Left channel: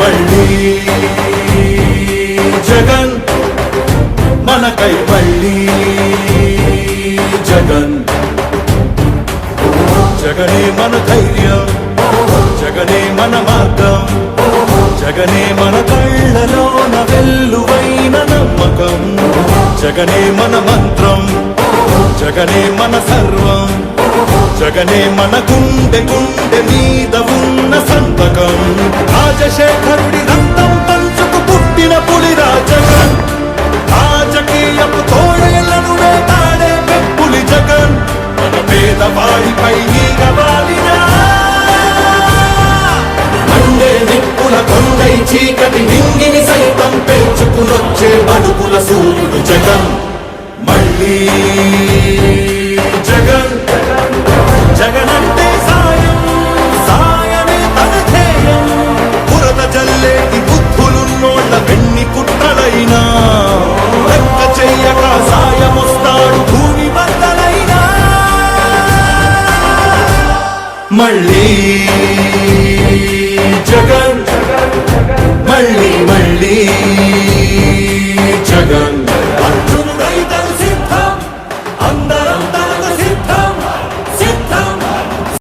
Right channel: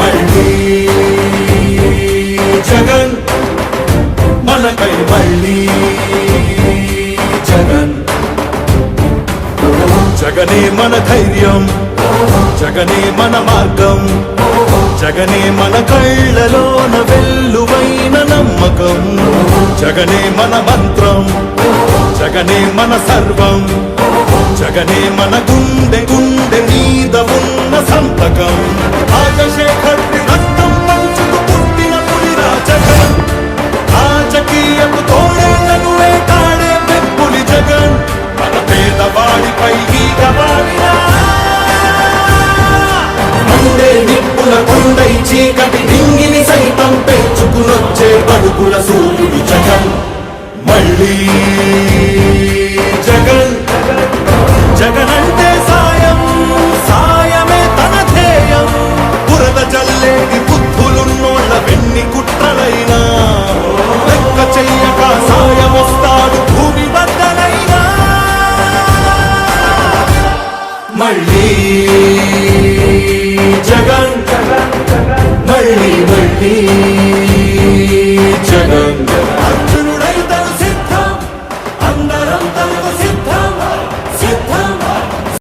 మళ్ళీ జగన్ మనకై మళ్ళీ జగన్ జగనే మన ధైర్యం. జగనే మన మార్గం. జగనే మన కళ్ళలోన వెల్లువైన నమ్మకం. జగనే మన చీకటి నింగిని సైతం పెంచుకునొచ్చే బతుకుల సూర్యుడు జగన్. మళ్ళీ జగన్. జగన్ అంటే సాయం సాయమే తన ధ్యేయం. పురద చల్లేది బుద్ధులున్నోళ్ళ వెన్ని కుట్టలైనా లెక్క చెయ్యక సాయం వస్తాడు భూమి బద్దలైనా. మళ్ళీ